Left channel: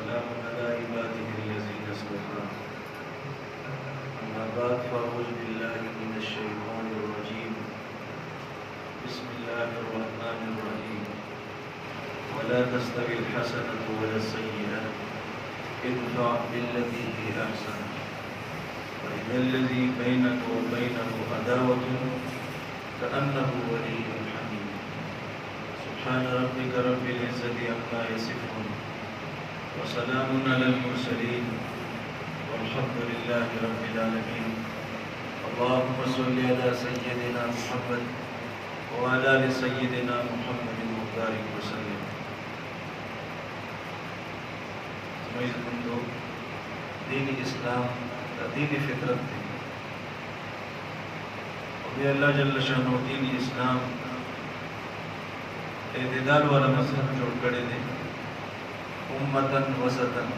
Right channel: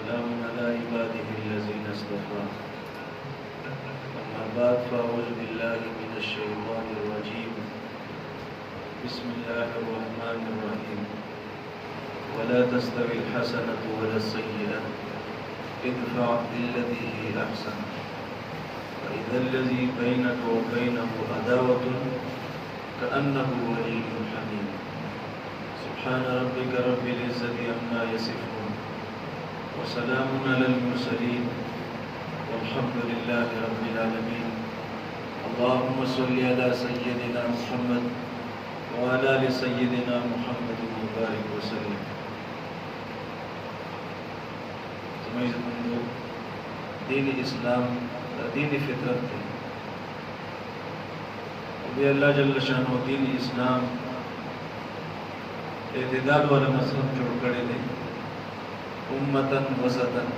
وسلام على عباده الذين اصطفى أما بعد فأعوذ بالله من الشيطان الرجيم بسم الله الرحمن الرحيم ولا تستوي الحسنة ولا السيئة ادفع بالتي هي أحسن فإذا الذي بينك وبينه عداوة كأنه ولي حميم سبحان ربك رب العزة عما يصفون وسلام على المرسلين والحمد لله رب العالمين اللهم صل على سيدنا محمد وعلى آل سيدنا محمد وبارك وسلم. دین اسلام دین فطرت ہے اور اللہ جل شانہ دین اسلام اعتدال والا مذہب جوڑ کڑے دے امتن وسطن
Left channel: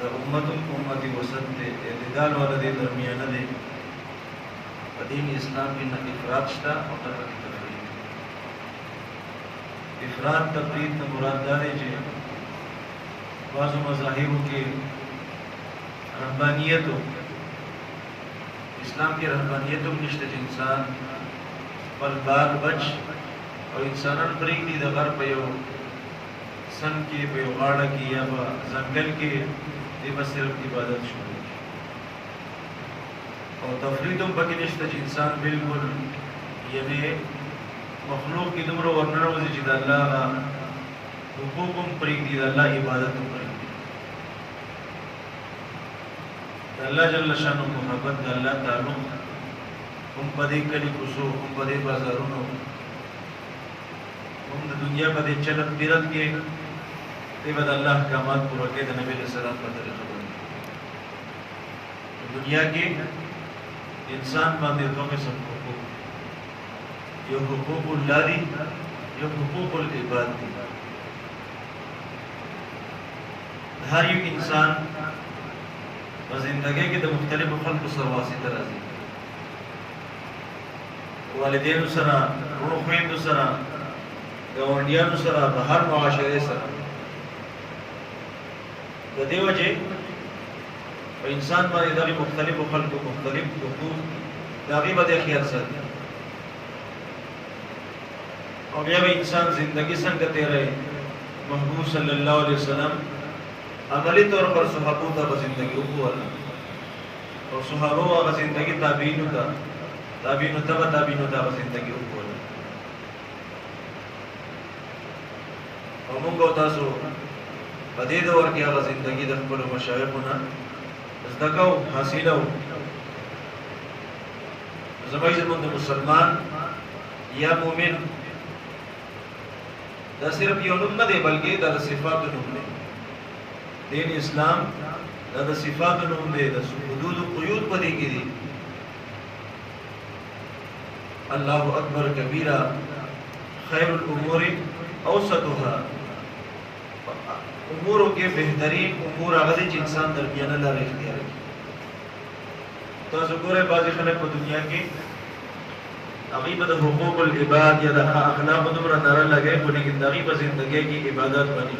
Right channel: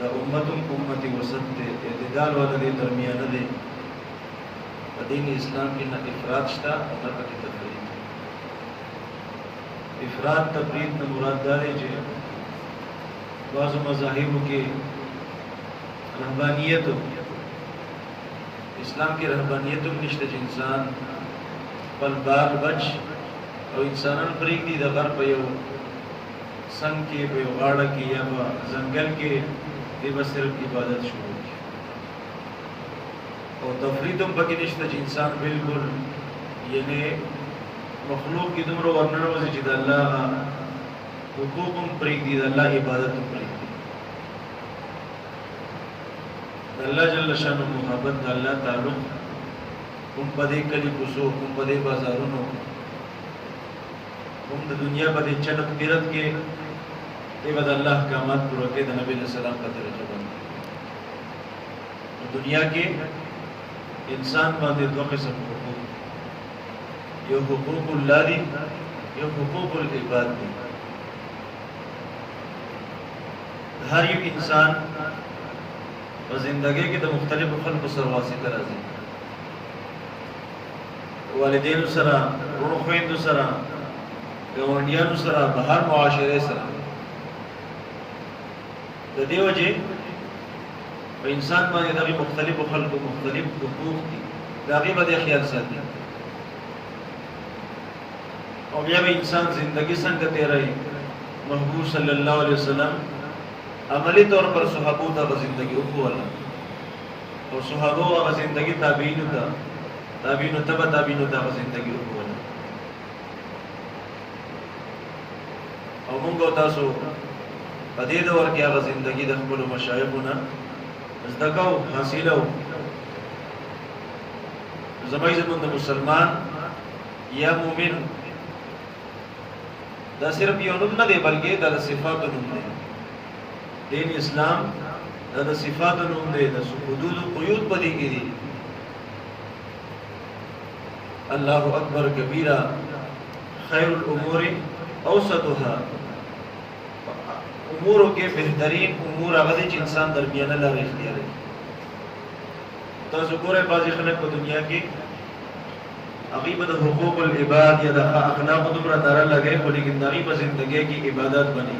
دا امتن امتی وسط دے اعتدال والا دے درمیانہ دے دین اسلام کی نہ افراد شتا اور نہ تفرید. افراد تفرید نہ مراد دارے جے بعض مذاہبوں کے رہبانیت اسلام کی رہبانیت نشتے انسان پل بال بچ اور انسانان پریک دی دا غر پیو سن کے پیو غاڑا کی یا زنگل کے دیبا صرف عبادت شروع کی اور تفریدوں پکی نشتے انسان بالکل یعنی مخلوق کی دمرو ورنر وزی چید اللہ حقوقم پریک دی دا اللہ عبادتم پریک دی اللہ جل شانہ محبت دا اللہ تعلق ہم پدے کلی کسو ہم پدے بازارونو ہم دا دنیا پدے چلت پیرت کے بے بد اللہ احکامات پورا کے دا نبی علیہ السلام کا طریقہ بند دنیا کے انسان باندے دو قسم حقوق یہ حقوق اللہ دی یہ حقوق العباد دی. ہر ایک انسان زندگی کی مختلف خلق سرواسی ترازی والدین سرا رونو خوین سرا گاونڈیان سرا بہر معاشرے سرا دے وجہ انسان باندې دغه مختلف خلق مختلف حقوق دي داغي باندې خیال ساتي او بیا به انسان زندگی څنګه تیرے محبوب صلی اللہ علیہ وسلم عملی طور پر صحابوں تا زندگی اولا اور صحابوں و زندگی تابعین تا زندگی اولا اور منگو تاسو پدی دور کیا زندگی دخبل و مشایخونا ازدکاو حاصلو زمائی زمند مسلمان یا مومن دا صرف یہ نم نہ دے بلکہ دا صفات نم دے دین اسلام دا صفات نم دے دا حدود و قیود پدی کی دی اللہ اکبر کبیرہ خیر الامور اوسطها اموروں کے بہترین امور آغازی چی انسان درمیان اللہ اختیار ہے. تو ذکر ہے بعضی خلق کو دنیا کی عقیبت حقوق العباد یا دا اخلاق دمرا نارا لگے لیکن دغیب زندگی کی عبادت بنی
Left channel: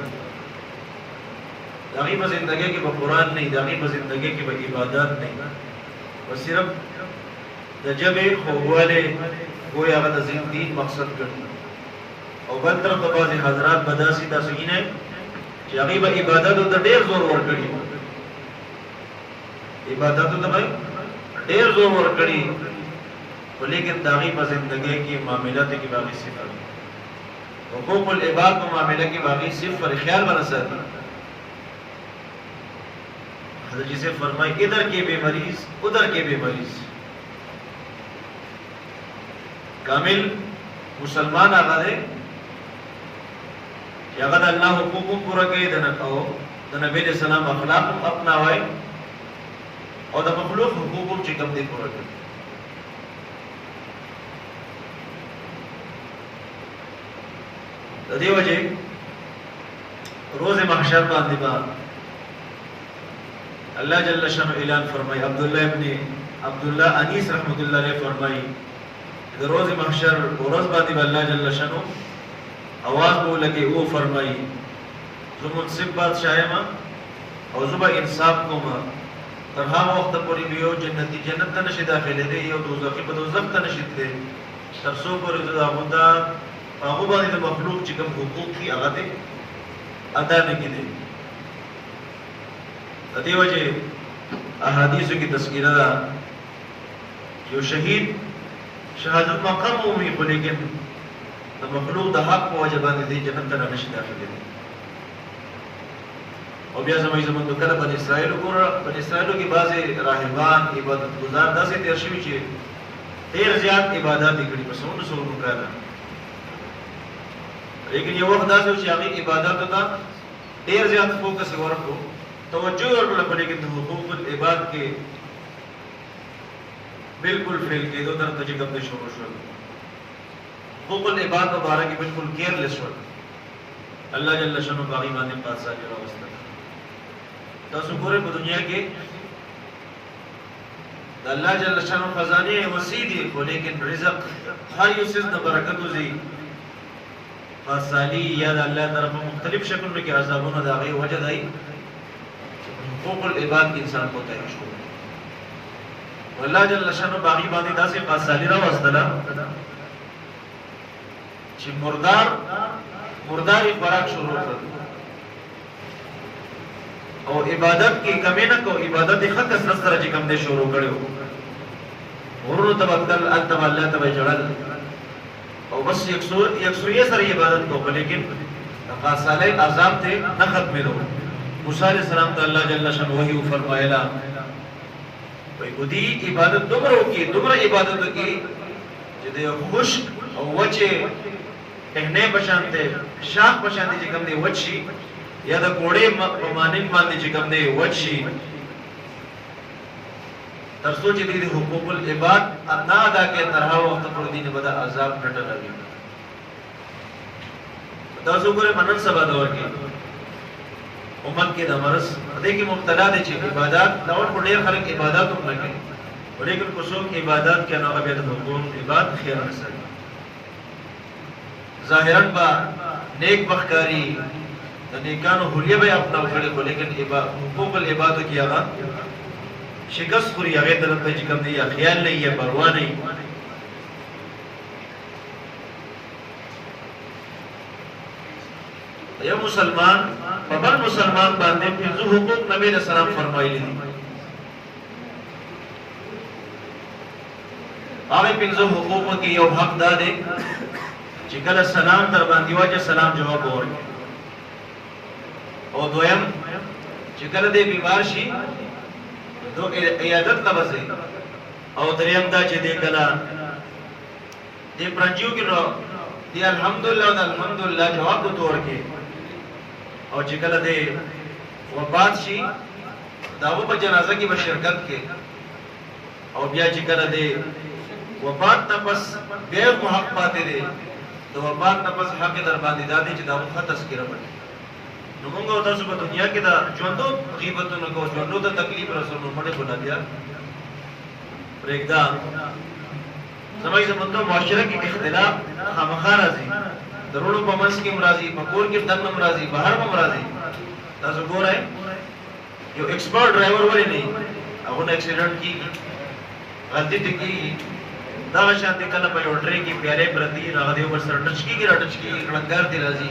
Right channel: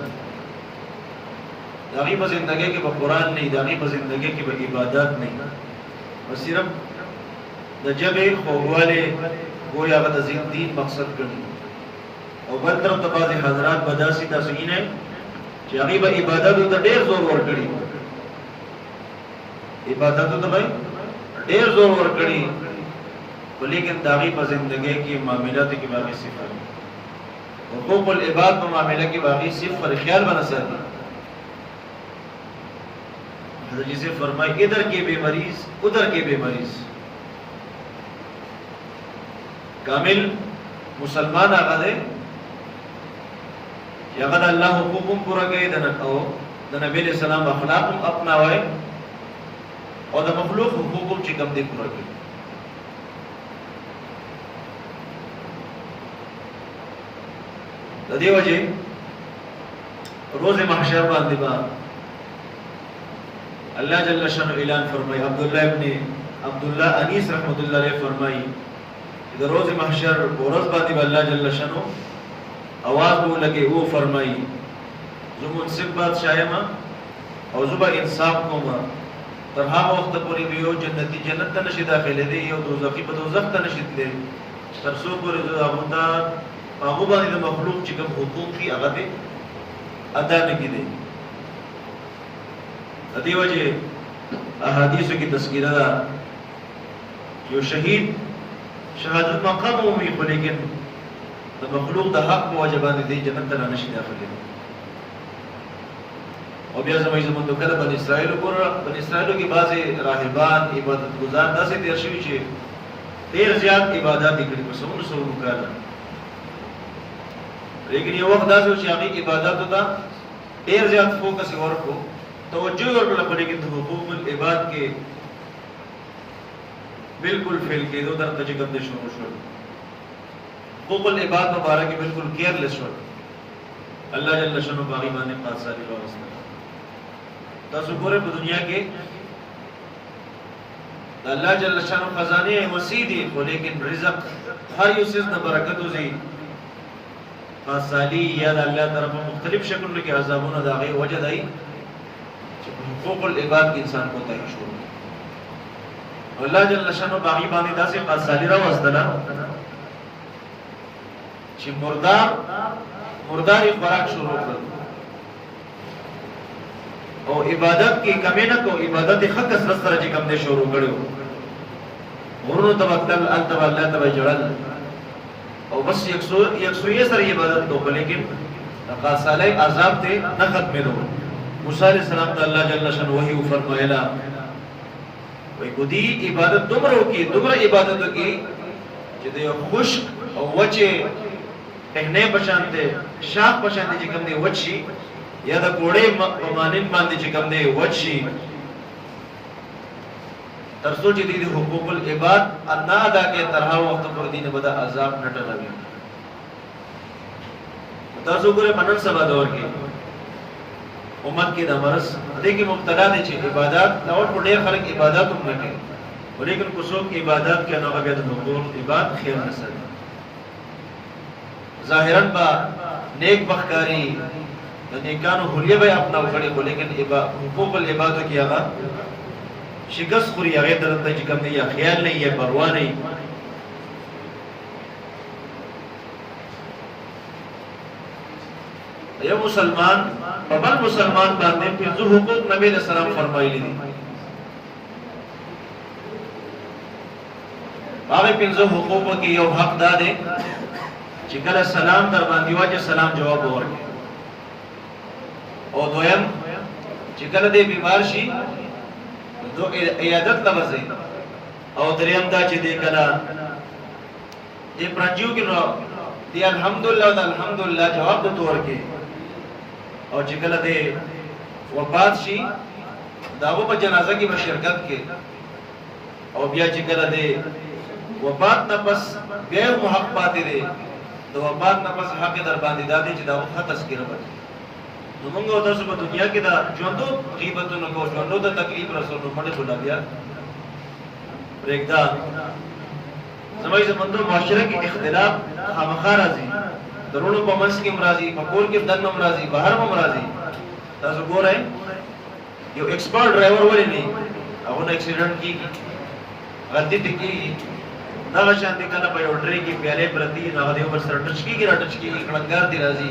دغیب زندگی کی قرآن نہیں دغیب زندگی کی عبادت نہیں بس صرف دا جب خوالے گویا غد دین مقصد کرنی اور بل طرف بعضی حضرات بداسی تاسوین ہے کہ عقیب عبادت دا دیر زور ور کری عبادت دا بھائی دیر زور ور کری لیکن داغی پر زندگی کی معاملات کی باقی صفر حقوق العباد پر معاملہ کی باقی صفر خیال بنا سکتا حضرت جسے فرمائی ادھر کے بے مریض ادھر کے بے مریض کامل مسلمان آگا دے کہ اگر اللہ حقوقم پورا گئے دا نبی علیہ السلام اخلاقم اپنا ہوئے اور دا مخلوق حقوقم چکم دے پورا گئے. دے وجہ روز محشر باندې با اللہ جل شانہ اعلان فرمائی عبداللہ انیس رحمت اللہ علیہ فرمائی روز محشر روز باندې با اللہ جل شانہ آواز بو لگے وہ فرمائی زه منصف بادشاہ یم او زه به انصاف کوم تر هغه وخته پورې به یو جنتي جنت ته نشي داخلېدی یو دوزخي په دوزخ ته نشي تللی تر څو پورې زه هغو ته په هغو باندې د مخلوق چې کوم حقوق دي هغه دې ادا نه کړي. د دې وجې احادیثو کې تذکیره ده یو شهید شهادت مقام ومومي خو لیکن د مخلوق د حق په وجه باندې دی جنت ته نشي داخلېدی. او بیا زموږ زمونږ کله بني اسرائیل وګوره، بني اسرائیلو کې بعضې راهبان عبادت ګزار داسې تېر شوي چې ډېر زیات عبادات یې کړي په سلونو سلونو کاله، لیکن یو وخت داسې و چې هغې عباداتو ته ډېر زیات فوکس یې ورکړو، توجه یې ورکړله، په لیکن د حقوق العباد کې بالکل فیل کېدو درته چې کوم دی شروع شول. حقوق العباد مبارک کې بالکل کیئرلیس شول. الله جل شانو په هغې باندې پاسداري راوسته. تاسو ګورئ په دنیا کې د الله جل شانو خزانې وسیع دي، خو لیکن رزق هر یو څیز نه برکت وځي پاسداري یا د الله طرفه مختلف شکلونو کې عذابونه د هغې وجه دی چې حقوق العباد کې انسان کوتاهي شروع کړي. الله جل شانو په هغې باندې داسې پاسداري راوستله چې مرداري خوراک شروع کړل او عبادت کی کمی نہ کو عبادت حق کثرت سره چې کوم دې شروع کړو ورونو تبتل انت الله تبع جلال او بس یکسویه سره عبادت کو، لیکن خاصاله عذاب ته نه ختمې دو. موسی علیہ السلام ته الله جل شانه وحی فرمایلا وای ګدی عبادت دومره عبادت کی چې د خشک او وچه پہنے پشانتے شاخ پشانتے چې کوم دی وچی یا د کوړې په مانند باندې چې کوم دی وچی تر څو چې دې حقوق العباد ادا ادا کې طرح وخت پر دینه بد عذاب نه ټلوي. تاسو ګورئ منن سبا دور کې امت کې د مرض دې کې مبتلا دي چې عبادت نور په ډېر خلک عبادت هم نه کوي، ولیکن کو څوک عبادت کې نه غوړي د حقوق عبادت خیر نه سره ظاہراً با نیک بخکاری نیکانو حلیه بے اپنا اکھڑے کو، لیکن حقوق العباد کی آغا شکست خوری آغای طرف تا چکم نہیں، یا خیال نہیں، یا پرواہ نہیں. یا مسلمان ببل مسلمان باندے پھر حقوق نبی علیہ السلام فرمائی لی دی. آغای پھر حقوق کی یو حق دا دے چې کله سلام در باندې واچه سلام جواب ورکړي، او دویم چې کله دې بیمار شي دو عیادت لبسي، او دریم دا چې دې کله دې پرنجیو کې نو دې الحمدلله او الحمدلله جواب وته ورکړي، او چې کله دې وفات شي داغو په جنازه کې به شرکت کې، او بیا چې کله دې وفات نه پس بیا حق پاتې دی تو وفات نه پس حق در باندې دادی چې دا وخت تذکرہ باندې نو موږ تاسو په دنیا کې دا ژوندو غیبتونه کو ژوندو د تکلیف رسولو مړې بولا بیا پرېږدا. زموږ زمونږ معاشره کې اختلاف خامخا راځي، درونو په منځ کې راځي، په کور کې دنه راځي، بهر هم راځي. تاسو ګورئ یو ایکسپرټ ډرایور ولې نه هغه نه اکسیډنټ کیږي، غلطي کیږي، دا شان دي کله په یو ټری کې پیاله پرتی نه غدیو پر سر ټچ کیږي راټچ کیږي کړنګار دی راځي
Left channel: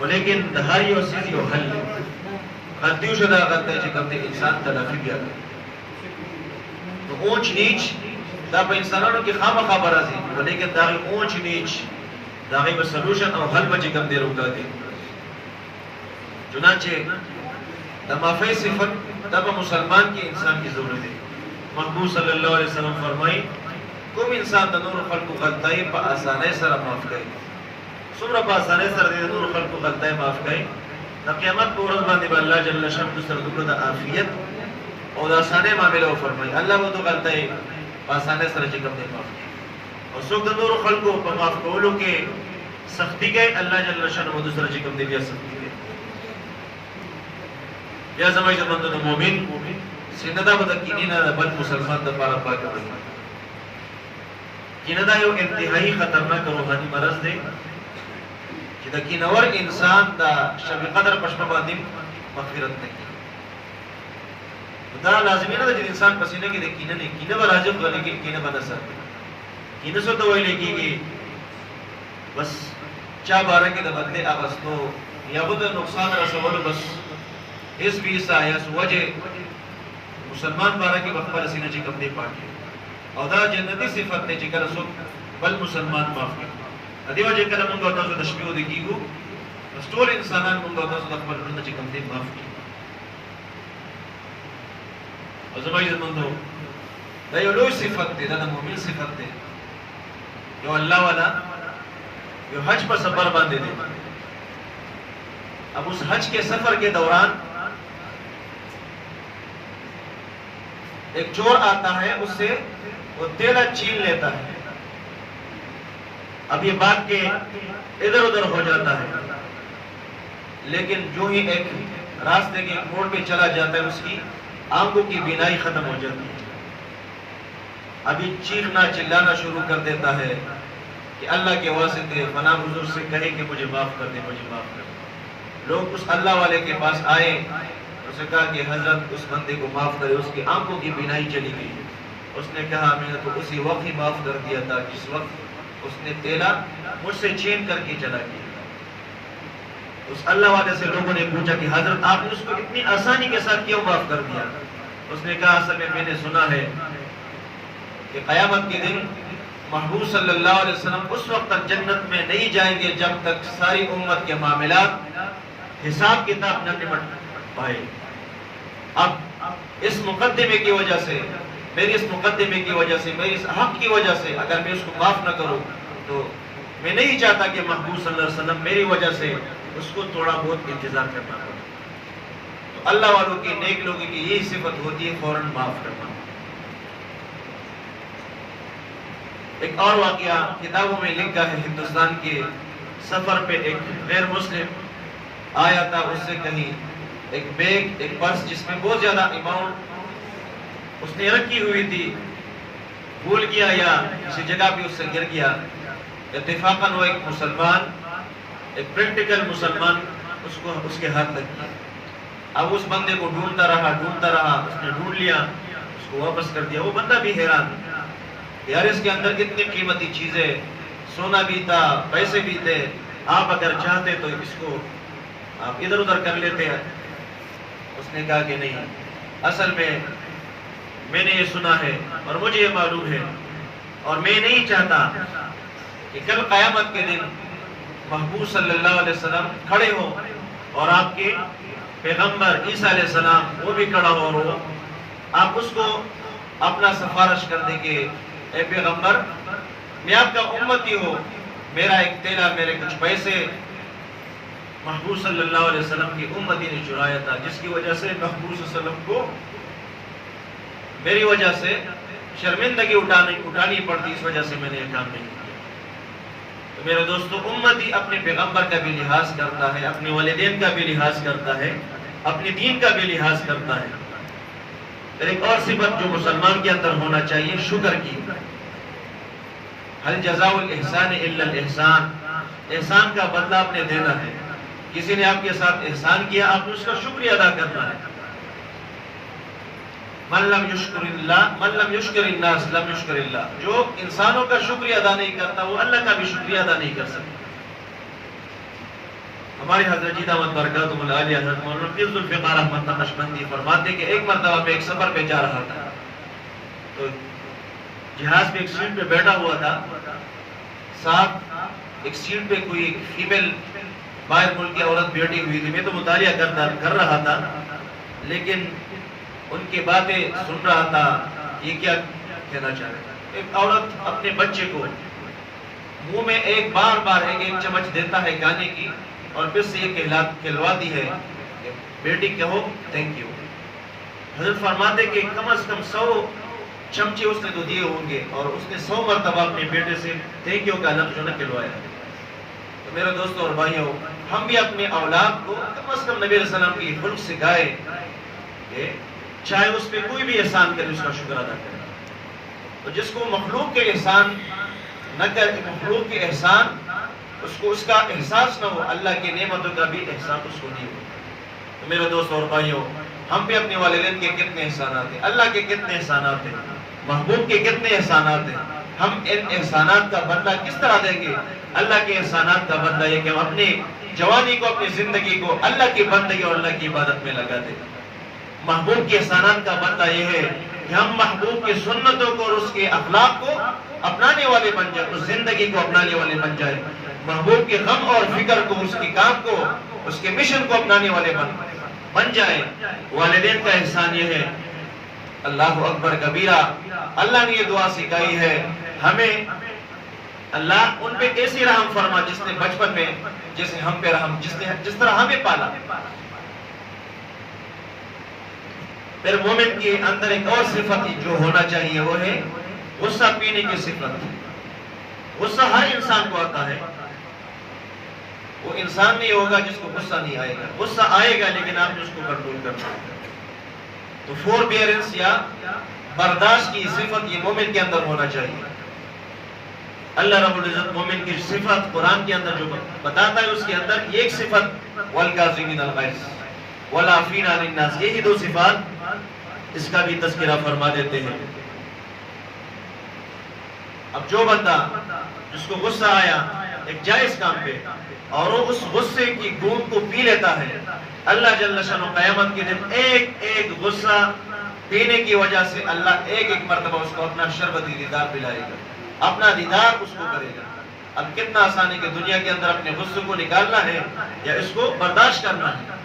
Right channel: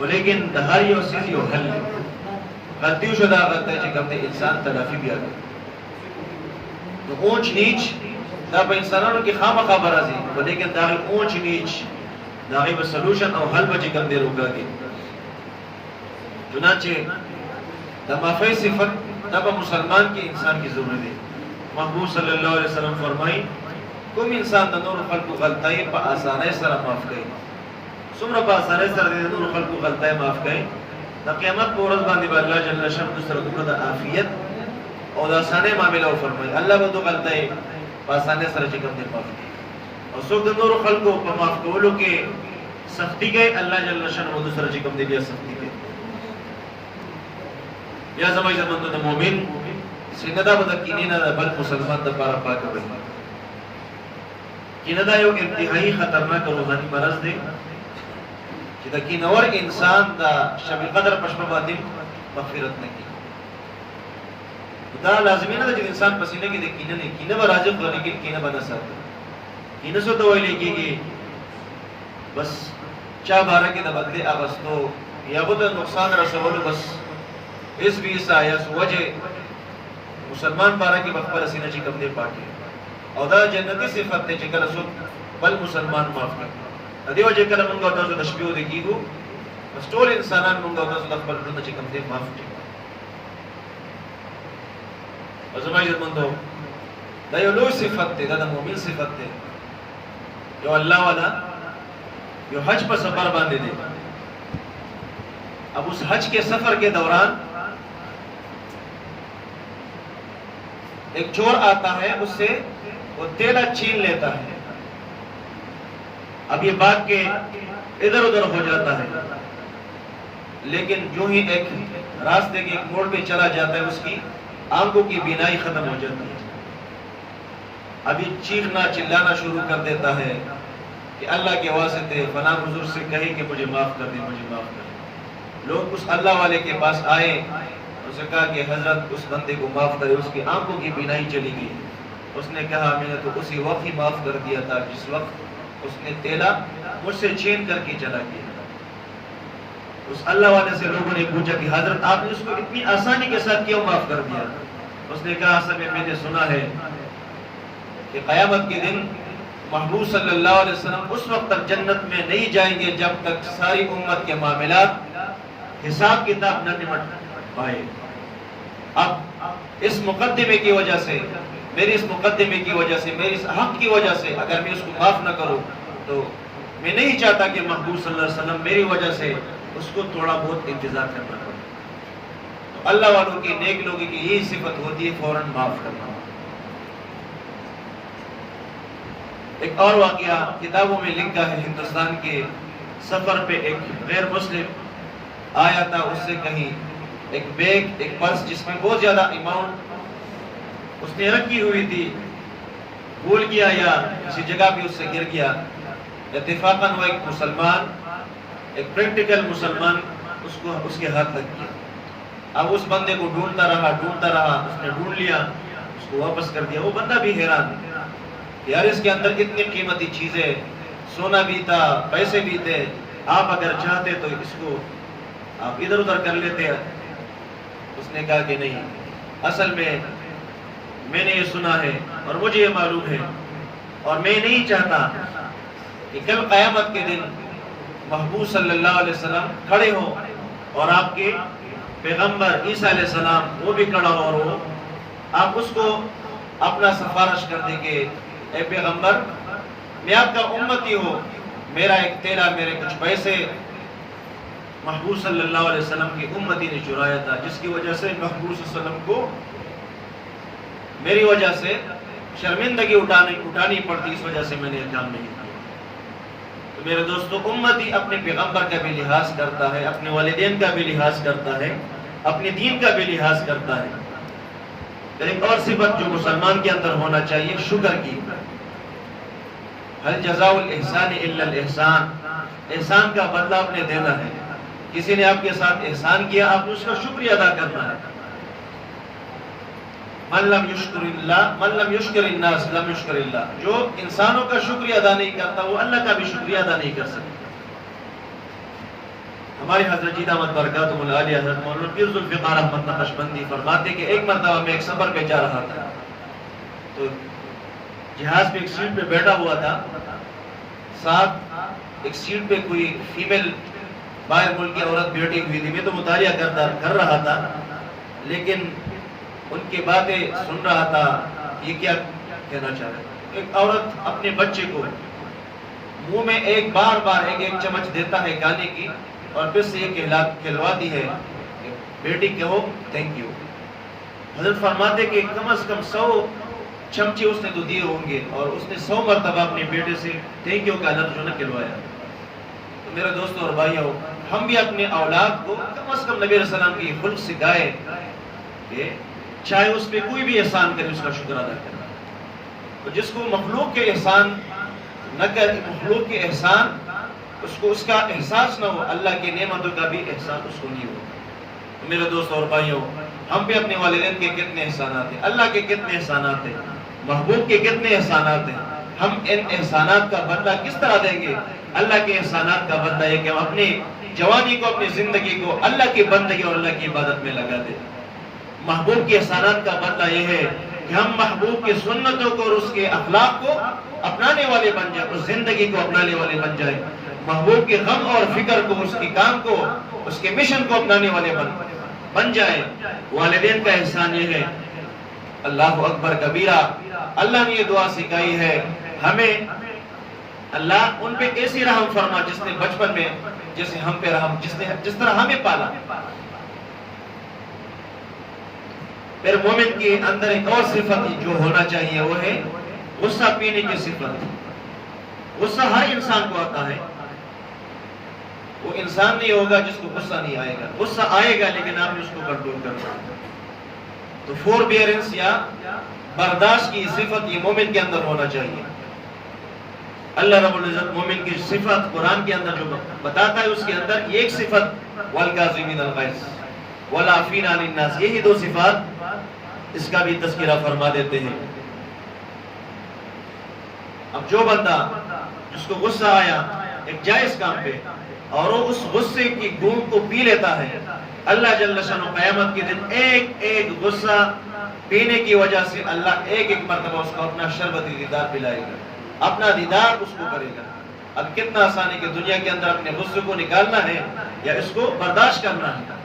ولیکن د هر یو سیز یو حل غلطي شو دا غلطه چې کوم انسان تلافي بیا کوي. نو اونچ نیچ دا په انسانانو کې خامخا راځي، ولیکن دا اونچ نیچ دا غي په سولوشن او حل به کوم دی روکا دي. چنانچہ دا معافی صفت دا په مسلمان کې انسان کی ضرورت ہے. محبوب صلی اللہ علیہ وسلم فرمائی کوم انسان د نور خلقو غلطای په اسانۍ سره معاف کوي، څومره په اسانۍ سره د نور خلقو غلطای معاف کوي، د قیامت په ورځ باندې به الله جل شانه سره د عافیت او د اسانۍ معاملې فرمایي. الله به د غلطای په اسانۍ سره چې کوم دی معاف کوي، او څوک د نور خلقو په معاف کولو کې سختی کوي الله جل شانه د سره چې کوم دی بیا سختی کوي. یا زمای زمند د مؤمن سینه دا بد کینې نه بل مسلمان د پاره پاک کړي. کینه دا یو انتهایی خطرناک روحاني مرض دی چې د کینور انسان دا شب قدر پښپا باندې مغفرت نه کی. دا لازمي نه ده چې انسان پسینه کې د کینه نه کینه به راځي خو لیکن کینه به نه ساتي. کینه څه ته ویل کېږي؟ بس چا باره کې د بدلې اغستو یا به د نقصان رسولو بس اس بھی سایس وجه مسلمان باره کې خپل سینه چې کوم دی پاکي او دا جنتی صفت دی چې کله څوک بل مسلمان معاف کړي. دې وجه کله موږ تاسو د شپې د کیږو بس ټول انسانان موږ تاسو د خپل ژوند چې کوم دی معاف کړي. زما عزت مندو دا یو لوی صفت دی، دا د مؤمن صفت دی. یو الله والا یو حج پر سفر باندې دی. اب اس حج کے سفر کے دوران ایک چور آتا ہے، اس سے وہ تیلا چھین لیتا ہے. اب یہ بات کے ادھر ادھر ہو جاتا ہے، لیکن جو ہی ایک راستے کے ایک موڑ پہ چلا جاتا ہے اس کی آنکھوں کی بینائی ختم ہو جاتی ہے. ابھی چیخنا چلانا شروع کر دیتا ہے کہ اللہ کے واسطے فلاں حضور سے کہے کہ مجھے معاف کر دے، مجھے معاف کر دے. لوگ اس اللہ والے کے پاس آئے، اسے کہا کہ حضرت اس بندے کو معاف کرے، اس کی آنکھوں کی بینائی چلی گئی. اس نے کہا میں نے تو اسی وقت ہی معاف کر دیا تھا جس وقت اس نے تیلا مجھ سے چھین کر کے چلا گیا. اس اللہ والے سے لوگوں نے پوچھا کہ حضرت آپ نے اس کو اتنی آسانی کے ساتھ کیوں معاف کر دیا؟ اس نے کہا اصل میں نے سنا ہے کہ قیامت کے دن محبوب صلی اللہ علیہ وسلم اس وقت تک جنت میں نہیں جائیں گے جب تک ساری امت کے معاملات حساب کتاب نہ نمٹ پائے. اب اس مقدمے کی وجہ سے، میری اس مقدمے کی وجہ سے، میری اس حق کی وجہ سے اگر میں اس کو معاف نہ کروں تو میں نہیں چاہتا کہ محبوب صلی اللہ علیہ وسلم میری وجہ سے اس کو تھوڑا بہت انتظار کرنا پڑے. تو اللہ والوں کی، نیک لوگوں کی یہی صفت ہوتی ہے فوراً معاف کرنا. ایک اور واقعہ کتابوں میں لکھا ہے، ہندوستان کے سفر پہ ایک غیر مسلم آیا تھا، اس سے کہیں ایک بیگ، ایک پرس جس میں بہت زیادہ اماؤنٹ اس نے رکھی ہوئی تھی، بھول گیا یا کسی جگہ پہ اس سے گر گیا. اتفاقاً وہ ایک مسلمان، ایک پریکٹیکل مسلمان اس کے ہاتھ لگ گیا. اب اس بندے کو ڈھونڈتا رہا، اس نے ڈھونڈ لیا، اس کو واپس کر دیا. وہ بندہ بھی حیران یار اس کے اندر اتنی قیمتی چیزیں، سونا بھی تھا، پیسے بھی تھے، آپ اگر چاہتے تو اس کو آپ ادھر ادھر کر لیتے ہیں. اس نے کہا کہ نہیں، اصل میں نے یہ سنا ہے اور مجھے یہ معلوم ہے اور میں نہیں چاہتا کہ کل قیامت کے دن محبوب صلی اللہ علیہ وسلم کھڑے ہو اور آپ کے پیغمبر عیسیٰ علیہ السلام وہ بھی کھڑا ہو اور وہ آپ اس کو اپنا سفارش کر دیں کہ اے پیغمبر میں آپ کا امتی ہوں، میرا ایک تیلا، میرے کچھ پیسے محبوب صلی اللہ علیہ وسلم کی امتی نے چرایا تھا، جس کی وجہ سے محبوب صلی اللہ علیہ وسلم کو میری وجہ سے شرمندگی اٹھانی پڑتی، اس وجہ سے میں نے یہ کام نہیں کیا. تو میرے دوستو، امتی اپنے پیغمبر کا بھی لحاظ کرتا ہے، اپنے والدین کا بھی لحاظ کرتا ہے، اپنے دین کا بھی لحاظ کرتا ہے. ایک اور صفت جو مسلمان کے اندر ہونا چاہیے، شکر کی. هل جزاء الاحسان الا الاحسان، احسان کا بدلہ آپ نے دینا ہے. کسی نے آپ کے ساتھ احسان کیا، آپ نے اس کا شکریہ ادا کرنا ہے. من لم یشکر الناس لم یشکر اللہ، جو انسانوں کا شکریہ ادا نہیں کرتا وہ اللہ کا بھی شکریہ ادا نہیں کر سکتا. ہمارے حضرت جی دامت برکاتہم العالیہ حضرت مولانا پیر ذوالفقار احمد نقشبندی فرماتے کہ ایک مرتبہ میں ایک سفر پہ جا رہا تھا، تو جہاز پہ ایک سیٹ پہ بیٹھا ہوا تھا، ساتھ ایک سیٹ پہ کوئی فیمیل باہر ملک کی عورت بیٹھی ہوئی تھی. میں تو مطالعہ کر رہا تھا لیکن ان کی باتیں سن رہا تھا، یہ کیا کہنا چاہ رہے. ایک عورت اپنے بچے کو منہ میں بار بار ایک چمچ دیتا ہے کھانے کی اور پھر سے یہ کھلواتی ہے کہ بیٹی کہو تھینک یو. حضرت فرماتے کہ کم از کم 100 چمچے اس نے تو دیے ہوں گے اور اس نے 100 مرتبہ اپنے بیٹے سے تھینک یو کا لفظ جو نہ کھلوایا ہے. تو میرے دوستوں اور بھائیوں، ہم بھی اپنے اولاد کو کم از کم نبی علیہ السلام کی خلق سکھائے کہ چاہے اس پہ کوئی بھی احسان کرے اس کا شکر ادا کرے. تو جس کو مخلوق کے احسان نہ کرے، مخلوق کے احسان اس کو اس کا احساس نہ ہو، اللہ کی نعمتوں کا بھی احساس اس کو نہیں ہو۔ تو میرے دوست اور بھائیوں، ہم بھی اپنے والدین کے کتنے احسانات ہیں، اللہ کے کتنے احسانات ہیں، محبوب کے کتنے احسانات ہیں، ہم ان احسانات کا بدلہ کس طرح دیں گے؟ اللہ کے احسانات کا بدلہ یہ کہ ہم اپنی جوانی کو، اپنی زندگی کو اللہ کی بندگی اور اللہ کی عبادت میں لگا دیں۔ محبوب کے احسانات کا بدلہ یہ ہے کہ ہم محبوب کی سنتوں کو اور اس کے اخلاق کو اپنانے والے بن جائیں، اس زندگی کو اپنانے والے بن جائیں، محبوب کے غم اور فکر کو، اس کے کام کو، اس کے مشن کو اپنانے والے بن جائیں۔ والدین کا احسان یہ ہے، اللہ اکبر کبیرہ، اللہ نے یہ دعا سکھائی ہے ہمیں، اللہ ان پہ ایسی رحم فرما جس نے بچپن میں جیسے ہم پہ رحم، جس طرح ہمیں پالا۔ پھر مومن کے اندر ایک اور صفت جو ہونا چاہیے وہ ہے غصہ پینے کی صفت۔ غصہ ہر انسان کو آتا ہے، وہ انسان نہیں ہوگا جس کو غصہ نہیں آئے گا، غصہ آئے گا لیکن آپ نے اس کو کنٹرول کرنا ہے۔ تو فوربیئرنس یا برداشت کی صفت یہ مومن کے اندر ہونا چاہیے۔ اللہ رب العزت مومن کی صفت قرآن کے اندر جو بتاتا ہے اس کے اندر ایک صفت والکاظمین الغیظ والعافین عن الناس، یہی دو صفات اس کا بھی تذکرہ فرما دیتے ہیں۔ اب جو بندہ جس کو غصہ آیا ایک جائز کام پہ اور وہ اس غصے کی گوند کو پی لیتا ہے، اللہ جل شانہ قیامت کے دن ایک ایک غصہ پینے کی وجہ سے اللہ ایک ایک مرتبہ اس کو اپنا شربتی دیدار پلائے گا، اپنا دیدار اس کو کرے گا۔ اب کتنا آسان ہے کہ دنیا کے اندر اپنے غصے کو نکالنا ہے یا اس کو برداشت کرنا ہے۔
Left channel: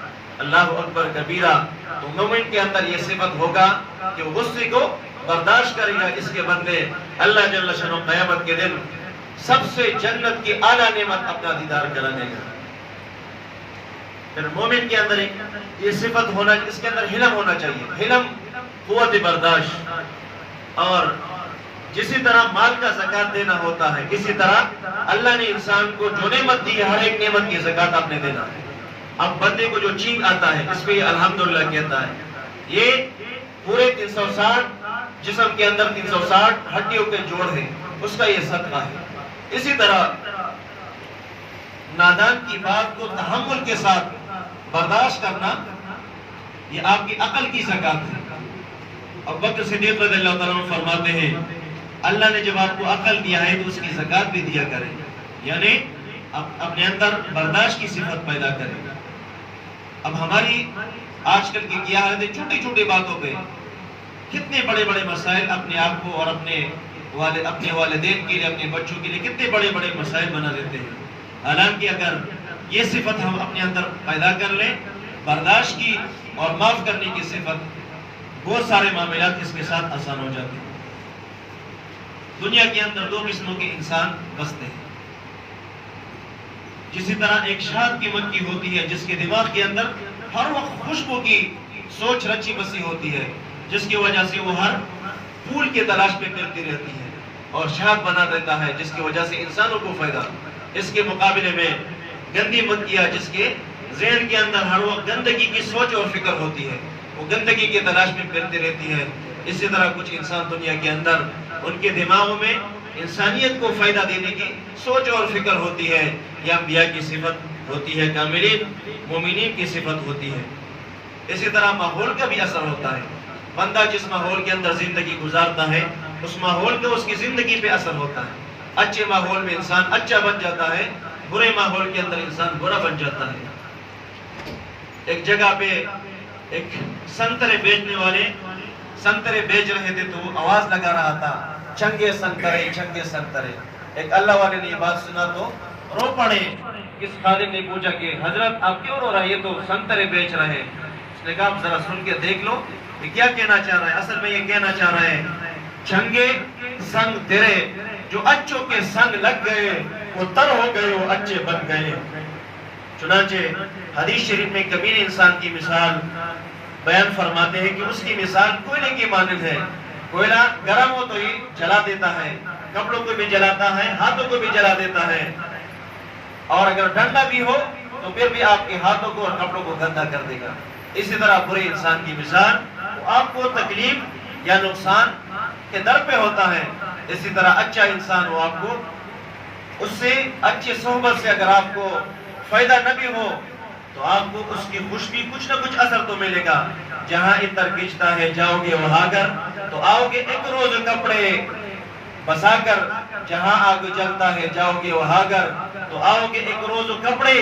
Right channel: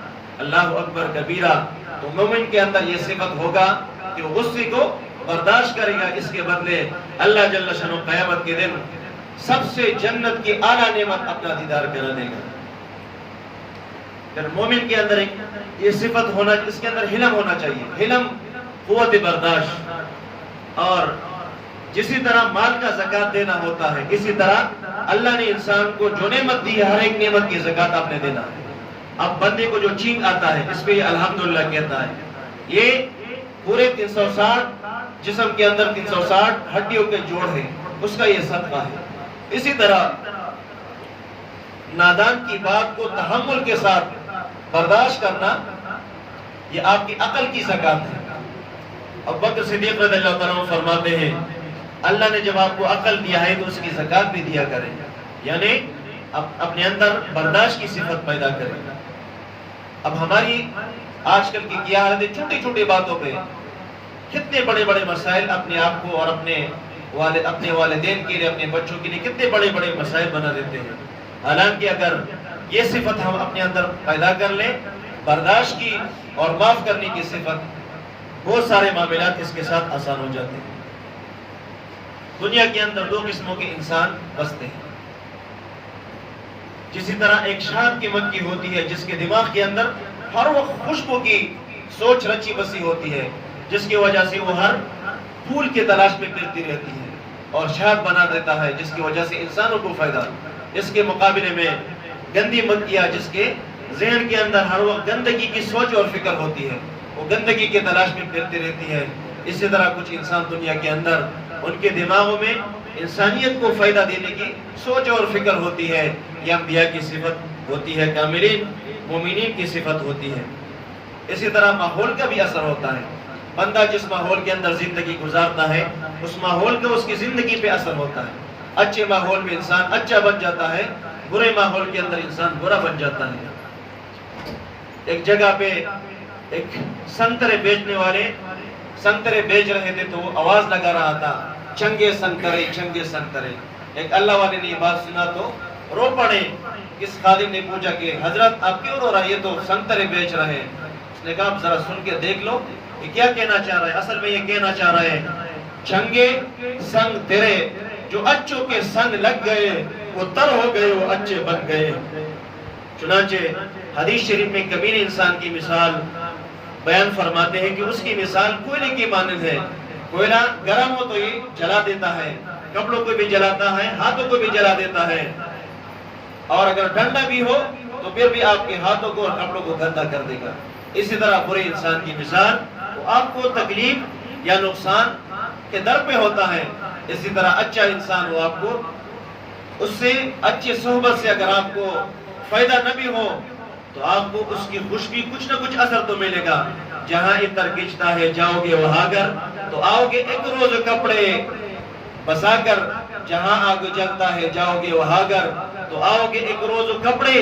اللہ اکبر کبیرہ۔ تو مومن کے اندر یہ صفت ہوگا کہ وہ غصے کو برداشت کرے گا، اس کے بدلے اللہ جل شانہ قیامت کے دن سب سے جنت کی اعلیٰ نعمت اپنا دیدار کرانے گا۔ پھر مومن کے اندر ایک یہ صفت ہونا، اس کے اندر حلم ہونا چاہیے، حلم، قوت برداشت۔ اور جسی طرح مال کا زکوٰۃ دینا ہوتا ہے، اسی طرح اللہ نے انسان کو جو نعمت دی ہے ہر ایک نعمت کی زکوٰۃ آپ نے دینا ہے۔ اب بندے کو جو چینگ آتا ہے اس پہ یہ الحمدللہ کہتا ہے، یہ پورے 360 جسم کے اندر 360 ہڈیوں کے جوڑ ہیں، اس کا یہ صدقہ ہے۔ اسی طرح نادان کی بات کو تحمل کے ساتھ برداشت کرنا یہ آپ کی عقل کی زکوٰۃ ہے۔ ابوبکر صدیق رضی اللہ تعالیٰ عنہ فرماتے ہیں اللہ نے جب آپ کو عقل دیا ہے تو اس کی زکوٰۃ بھی دیا کرے، یعنی اپنے اندر برداشت کی صفت پیدا کرے۔ اب ہماری آج کل کی کیا حالت ہے، چھوٹی چھوٹی باتوں پہ کتنے بڑے بڑے مسائل اپنے آپ کو اور اپنے والدین کے لیے، اپنے بچوں کے لیے کتنے بڑے بڑے مسائل بنا دیتے ہیں۔ حالانکہ اگر یہ صفت ہم اپنے اندر پیدا کر لیں، برداشت کی اور معاف کرنے کی صفت، بہت سارے معاملات اس کے ساتھ آسان ہو جاتے ہیں۔ دنیا کے اندر دو قسموں کے انسان بستے ہیں۔ جسی طرح ایک شاد کی مکھی ہوتی ہے جس کے دماغ کے اندر ہر وقت خوشبو کی سوچ رچی بسی ہوتی ہے، جس کی وجہ سے وہ ہر پھول کی تلاش میں پھرتی رہتی ہے اور شاد بنا دیتا ہے، جس کی وجہ سے انسانوں کو فائدہ۔ اس کے مقابلے میں گندی مکھیاں جس کے ذہن کے اندر ہر وقت گندگی کی سوچ اور فکر ہوتی ہے، وہ گندگی کی تلاش میں پھرتی رہتی ہے۔ اسی طرح کچھ انسان دنیا کے اندر ان کے دماغوں میں انسانیت کو فائدہ دینے کی سوچ اور فکر ہوتی ہے، یہ انبیاء کی صفت ہوتی ہے، کاملین مومنین کی صفت ہوتی ہے۔ اسی طرح ماحول کا بھی اثر ہوتا ہے، بندہ جس ماحول کے اندر زندگی گزارتا ہے اس ماحول کا اس کی زندگی پہ اثر ہوتا ہے۔ اچھے ماحول میں انسان اچھا بن جاتا ہے، برے ماحول کے اندر انسان برا بن جاتا ہے۔ ایک جگہ پہ ایک سنترے بیچنے والے سنترے بیچ رہے تھے تو وہ آواز لگا رہا تھا، چنگے سنترے، چنگے سنترے۔ ایک اللہ والے نے یہ بات سنا تو رو پڑے۔ کس خادم نے پوچھا کہ حضرت آپ کیوں رو رہا ہے، یہ تو سنترے بیچ رہے ہیں۔ اس نے کہا آپ ذرا سن کے دیکھ لو کہ کیا کہنا چاہ رہا ہے۔ اصل میں یہ کہنا چاہ رہا ہے چنگے سنگ تیرے، جو اچھوں کے سنگ لگ گئے وہ تر ہو گئے، وہ اچھے بن گئے۔ چنانچہ حدیث شریف میں کمینے انسان کی مثال بیان فرماتے ہیں کہ اس کی مثال کوئلے کی مانند ہے۔ کوئلہ گرم ہو تو یہ جلا دیتا ہے، کپڑوں کو بھی جلاتا ہے، ہاتھوں کو بھی جلا دیتا ہے، اور اگر ٹھنڈا بھی ہو تو پھر بھی آپ کے ہاتھوں کو اور کپڑوں کو گندا کر دے گا۔ اسی طرح برے انسان کی مثال وہ آپ کو تکلیف یا نقصان کے در پہ ہوتا ہے، اسی طرح اچھا انسان وہ آپ کو اس سے اچھی صحبت سے اگر آپ کو فائدہ نہ بھی ہو تو آپ کو اس کی خوشبی کچھ نہ کچھ اثر تو ملے گا. جہاں عطر کھنچتا ہے جاؤ گے وہاں گر تو آؤ گے ایک روز کپڑے بسا کر. جہاں آگ جلتا ہے جاؤ گے وہاں گر تو آؤ گے ایک روز کپڑے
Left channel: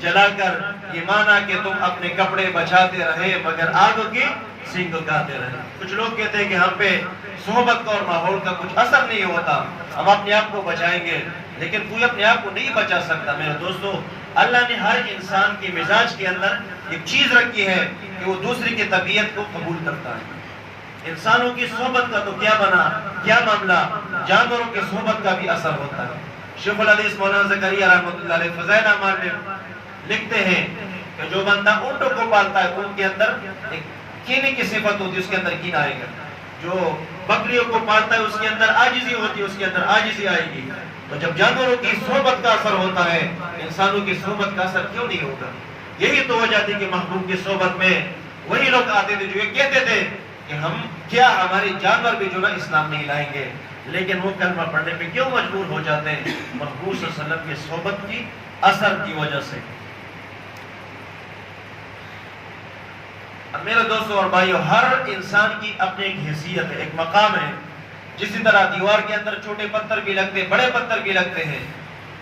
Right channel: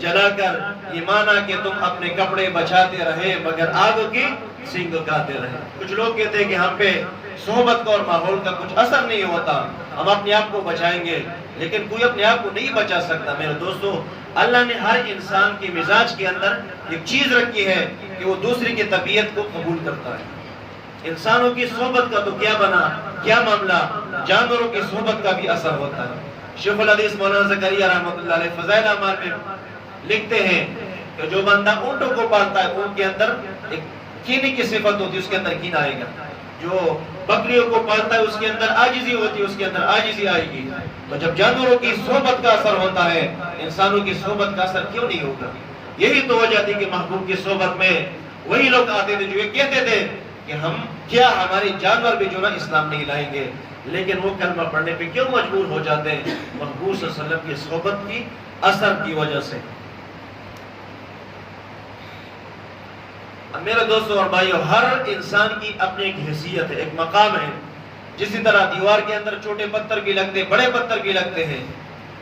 جلا کر. یہ مانا کہ تم اپنے کپڑے بچاتے رہے مگر آگ کی سینگ کھاتے رہے. کچھ لوگ کہتے ہیں کہ ہم پہ صحبت کا اور ماحول کا کچھ اثر نہیں ہوتا, ہم اپنے آپ کو بچائیں گے, لیکن کوئی اپنے آپ کو نہیں بچا سکتا. میرے دوستو, اللہ نے ہر انسان کی مزاج کے اندر ایک چیز رکھی ہے کہ وہ دوسری کی طبیعت کو قبول کرتا ہے. انسانوں کی صحبت کا تو کیا بنا کیا معاملہ, جانوروں کی صحبت کا بھی اثر ہوتا ہے. شیخ الحدیث مولانا زکریا رحمۃ اللہ علیہ فضائل اعمال میں لکھتے ہیں کہ جو بندہ اونٹوں کو پالتا ہے ان کے اندر ایک کینی کی صفت ہوتی ہے, اس کے اندر کین آئے گا. جو بکریوں کو پالتا ہے اس کے اندر عاجزی ہوتی ہے, اس کے اندر عاجزی آئے گی. تو جب جانوروں کی صحبت کا اثر ہوتا ہے, انسانوں کی صحبت کا اثر کیوں نہیں ہوتا؟ یہی تو وجہ تھی کہ محبوب کی صحبت میں وہی لوگ آتے تھے جو یہ کہتے تھے کہ ہم کیا ہمارے جانور بھی جو نا اسلام نہیں لائیں گے, لیکن وہ کلمہ پڑھنے پہ کیوں مجبور ہو جاتے ہیں؟ محبوب صلی اللہ علیہ وسلم کی صحبت کی اثر کی وجہ سے. میرے دوستوں اور بھائیو, ہر انسان کی اپنی ایک حیثیت ہے, ایک مقام ہے. جسی طرح دیوار کے اندر چھوٹے پتھر بھی لگتے ہیں, بڑے پتھر بھی لگتے ہیں,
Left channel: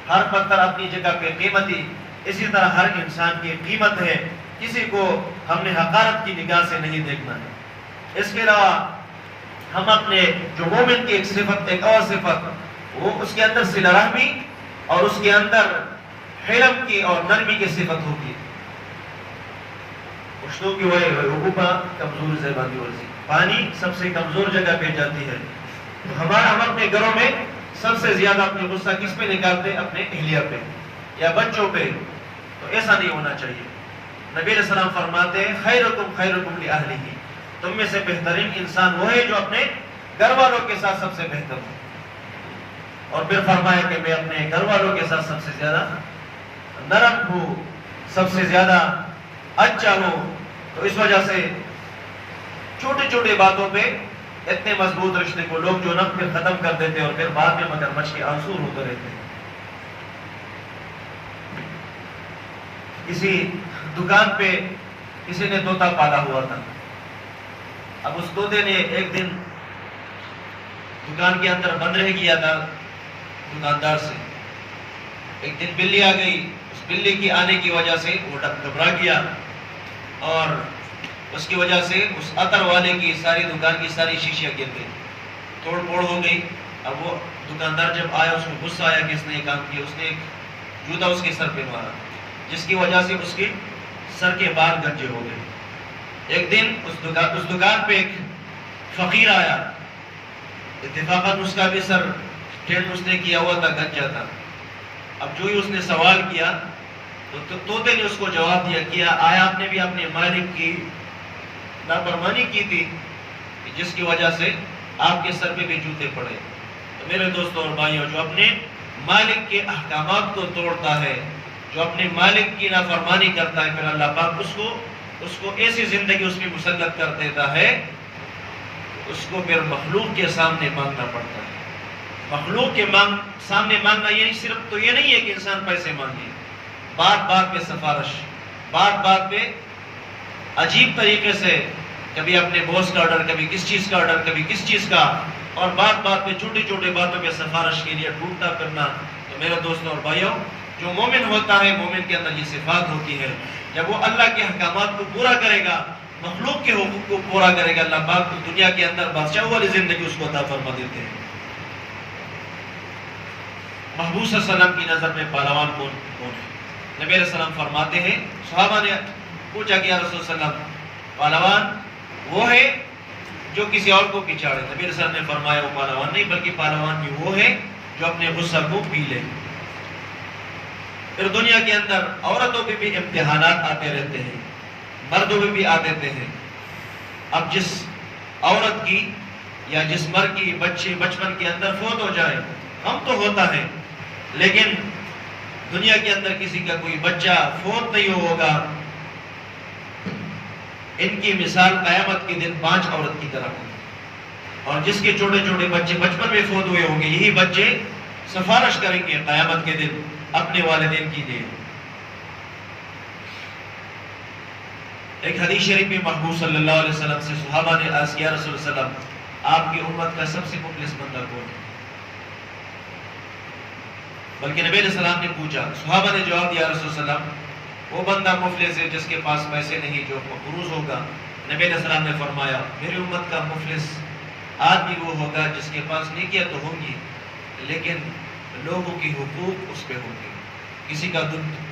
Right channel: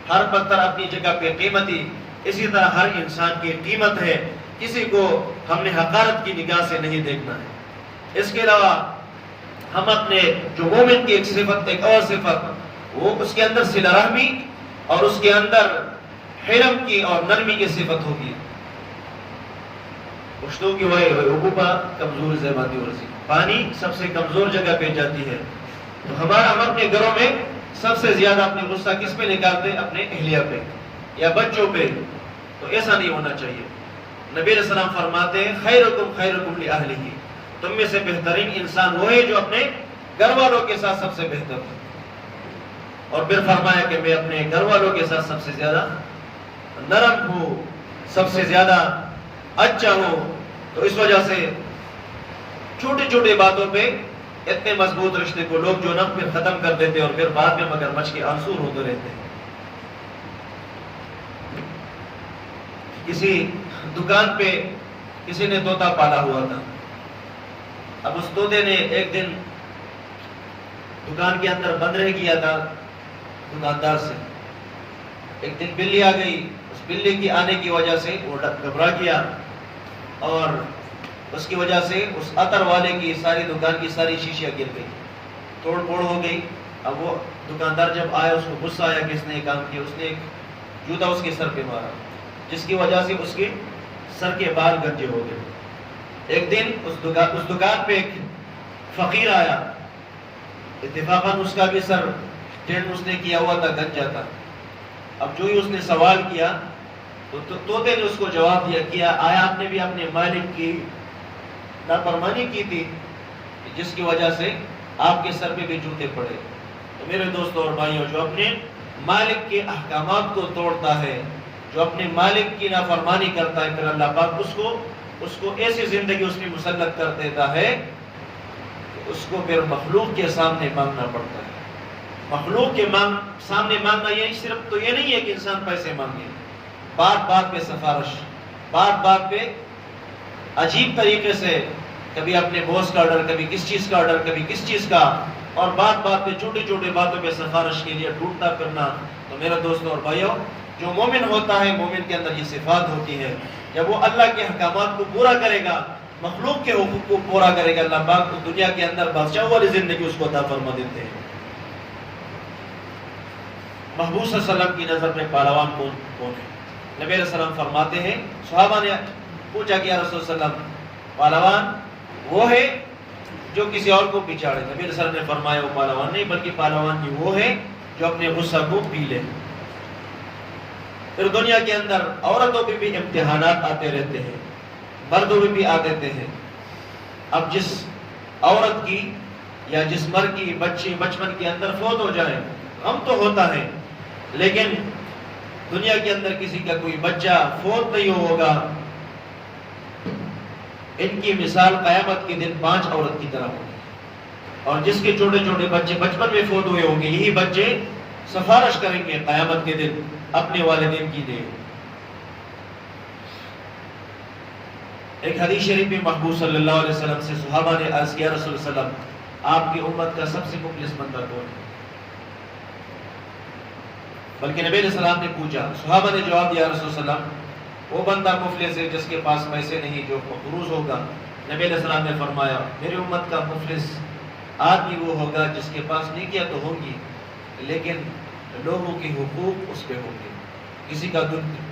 ہر پتھر اپنی جگہ پہ قیمتی, اسی طرح ہر انسان کی قیمت ہے. کسی کو ہم نے حقارت کی نگاہ سے نہیں دیکھنا ہے. اس کے علاوہ ہم اپنے جو مومن کی ایک صفت, ایک اور صفت, وہ اس کے اندر صلہ رحمی اور اس کے اندر حلم کی اور نرمی کی صفت ہوگی. پشتوں کی ہوئے حقوقہ کمزور زیباتی ورزی, پانی سب سے کمزور جگہ پہ جاتی ہے. تو ہم اپنے گھروں میں سب سے زیادہ اپنے غصہ کس پہ نکالتے ہیں؟ اپنے اہلیہ پہ یا بچوں پہ. تو ایسا نہیں ہونا چاہیے. نبی علیہ السلام فرماتے ہیں خیرکم خیرکم لأہلہ, تم میں سے بہترین انسان وہ ہے جو اپنے گھر والوں کے ساتھ سب سے بہتر ہو. اور پھر فرمایا کہ میں اپنے گھر والوں کے ساتھ سب سے زیادہ نرم ہوں, سب سے زیادہ اچھا ہوں. تو اس وجہ سے چھوٹی چھوٹی باتوں پہ اتنے مضبوط رشتے کو لوگ جو نا پھر ختم کر دیتے اور پھر بعد میں مگر مچ کے آنسور ہوتے رہتے ہیں. کسی دکان پہ کسی نے طوطا پالا ہوا تھا. اب اس طوطے نے ایک دن دکان کے اندر بند رہ گیا تھا دکاندار سے. ایک دن بلی آ گئی, اس بلی کی آنے کی وجہ سے وہ گھبرا گیا اور اس کی وجہ سے اس عطر والے کی ساری دکان کی ساری شیشیاں گر گئی, توڑ پھوڑ ہو گئی. اب وہ دکاندار جب آیا اس کو غصہ آیا کہ اس نے یہ کام کیا. اس نے ایک جوتا اس کے سر پہ مارا جس کی وجہ سے اس کے سر کے بال گنجے ہو گئے. ایک دن اس دکان پہ ایک فقیر آیا, اتفاقاً اس کا بھی سر ٹینٹ اس نے کیا ہوا تھا, گنجا تھا. اب جو ہی اس نے سوال کیا تو طوطے نے اس کو جواب دیا کیا آیا آپ نے بھی اپنے مالک کی نافرمانی کی تھی جس کی وجہ سے آپ کے سر پہ بھی جوتے پڑے. تو میرے دوستوں اور بھائیوں, جو اپنے مالک کے احکامات کو توڑتا ہے, جو اپنے مالک کی نافرمانی کرتا ہے, پھر اللہ پاک اس کو ایسی زندگی اس میں مسلط کر دیتا ہے اس کو پھر مخلوق کے سامنے مانگنا پڑتا ہے. مخلوق کے سامنے مانگنا یہ صرف تو یہ نہیں ہے کہ انسان پیسے مانگے, بات بات پہ سفارش, بات بات پہ عجیب طریقے سے کبھی اپنے باس کا آرڈر, کبھی کس چیز کا آرڈر, کبھی کس چیز کا, اور بات بات پہ چھوٹی چھوٹی باتوں پہ سفارش کے لیے ڈھونڈتا پھرنا. تو میرے دوستوں اور بھائیوں, جو مومن ہوتا ہے مومن کے اندر یہ صفات ہوتی ہے. جب وہ اللہ کے احکامات کو پورا کرے گا, مخلوق کے حقوق کو پورا کرے گا, اللہ پاک کو دنیا کے اندر بادشاہ والی زندگی اس کو عطا فرما دیتے ہیں. محبوب صلی اللہ علیہ وسلم کی نظر میں پہلوان کون ہے؟ نبی علیہ السلام فرماتے ہیں, صحابہ نے پوچھا کہ یا رسول اللہ علیہ وسلم پہلوان وہ ہے جو کسی اور کو پچاڑے. نبی علیہ السلام نے فرمایا وہ پہلوان نہیں بلکہ پہلوان کی وہ ہے جو اپنے غصہ کو پی لے. پھر دنیا کے اندر عورتوں پہ بھی امتحانات آتے رہتے ہیں, مردوں پہ بھی آتے ہیں. اب جس عورت کی یا جس مرد کی بچے بچپن کے اندر فوت ہو جائے, ہم تو ہوتا ہے, لیکن دنیا کے اندر کسی کا کوئی بچہ فوت نہیں ہوگا. ان کی مثال قیامت کے دن 5 عورت کی طرح ہوگی. اور جس کے چھوٹے چھوٹے بچے بچپن میں فوت ہوئے ہوں گے, یہی بچے سفارش کریں گے قیامت کے دن اپنے والدین کی لیے۔ ایک حدیث شریف میں محبوب صلی اللہ علیہ وسلم سے صحابہ نے عرض کیا رسول اللہ علیہ وسلم آپ کی امت کا سب سے مفلس بندہ کون ہے؟ بلکہ نبی علیہ السلام نے پوچھا، صحابہ نے جواب دیا رسول اللہ علیہ وسلم وہ بندہ مفلس ہے جس کے پاس پیسے نہیں، جو مقروض ہوگا۔ نبی علیہ السلام نے فرمایا میری امت کا مفلس آدمی وہ ہوگا جس کے پاس نیکیاں تو ہوں گی لیکن لوگوں کی حقوق اس پہ ہوگی، کسی کا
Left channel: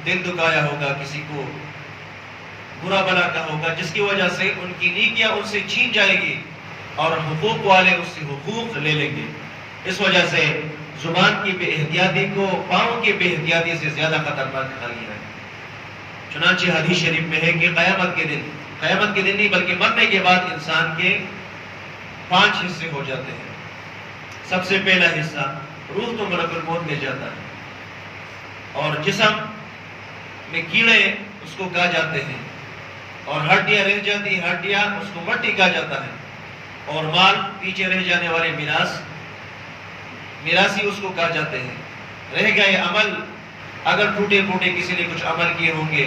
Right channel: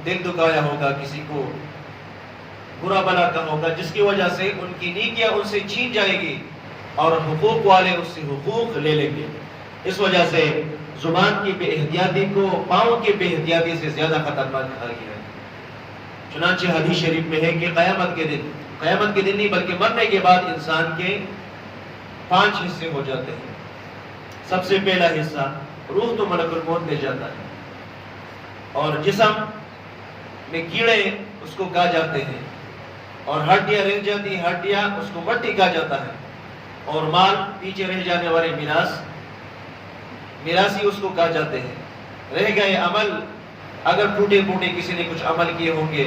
دل دکھایا ہوگا، کسی کو برا بلا کا ہوگا، جس کی وجہ سے ان کی نیکیاں ان سے چھین جائے گی اور حقوق والے اس سے حقوق لے لیں گے۔ اس وجہ سے زبان کی بے احتیاطی کو پاؤں کی بے احتیاطی سے زیادہ خطرناک کہا گیا ہے۔ چنانچہ حدیث شریف میں ہے کہ قیامت کے دن نہیں بلکہ مرنے کے بعد انسان کے 5 حصے ہو جاتے ہیں۔ سب سے پہلا حصہ روح تو ملک الموت لے جاتا ہے، اور جسم میں کیڑے اس کو کھا جاتے ہیں، اور ہڈیاں رہ جاتی ہیں، ہڈیاں اس کو مٹی کھا جاتا ہے، اور مال پیچھے رہ جانے والے میراثی اس کو کھا جاتے ہیں۔ رہ گئے عمل، اگر ٹوٹے پھوٹے کسی نے کچھ عمل کیے ہوں گے،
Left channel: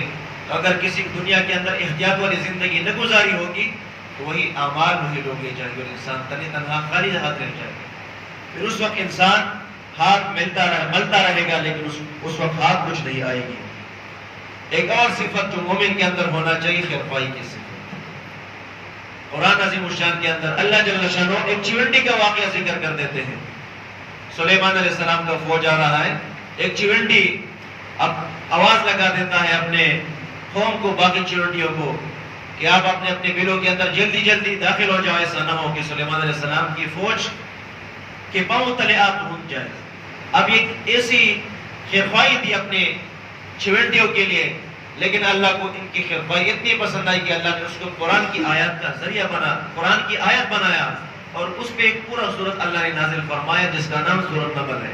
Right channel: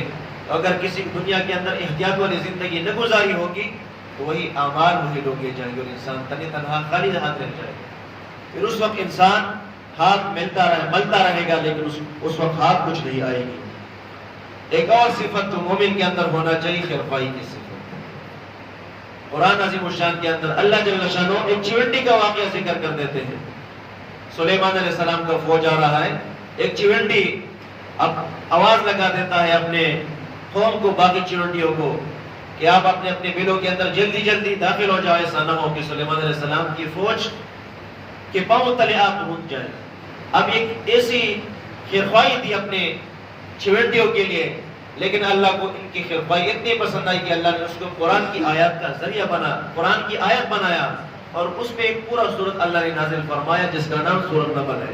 اگر کسی دنیا کے اندر احتیاط والی زندگی نہ گزاری ہوگی تو وہی اعمال وہی لوگ لے جائیں گے اور انسان تنہا خالی ہاتھ رہ جائے گا۔ پھر اس وقت انسان ہاتھ ملتا رہے گا لیکن اس وقت ہاتھ کچھ نہیں آئے گی۔ ایک اور صفت تو مومن کے اندر ہونا چاہیے، خیرخواہی کی صفت۔ قرآن عظیم الشان کے اندر اللہ جل شانہ ایک چیونٹی کا واقعہ ذکر کر دیتے ہیں۔ سلیمان علیہ السلام کا فوج آ رہا ہے، ایک چیونٹی اب آواز لگا دیتا ہے اپنے قوم کو، باقی چیونٹیوں کو، کہ آپ اپنے اپنے بلوں کے اندر جلدی جلدی داخل ہو جائے، ایسا نہ ہو کہ سلیمان علیہ السلام کی فوج کے پاؤں تلے آپ رک جائے۔ اب ایک ایسی خیرخواہی تھی اپنے چیونٹیوں کے لیے، لیکن اللہ کو ان کی خیرخواہی اتنی پسند آئی کہ اللہ نے اس کو قرآن کی آیات کا ذریعہ قرآن کی آیت بنایا، اور اس پہ ایک پورا سورت اللہ نے نازل فرمایا جس کا نام سورۃ نمل ہے۔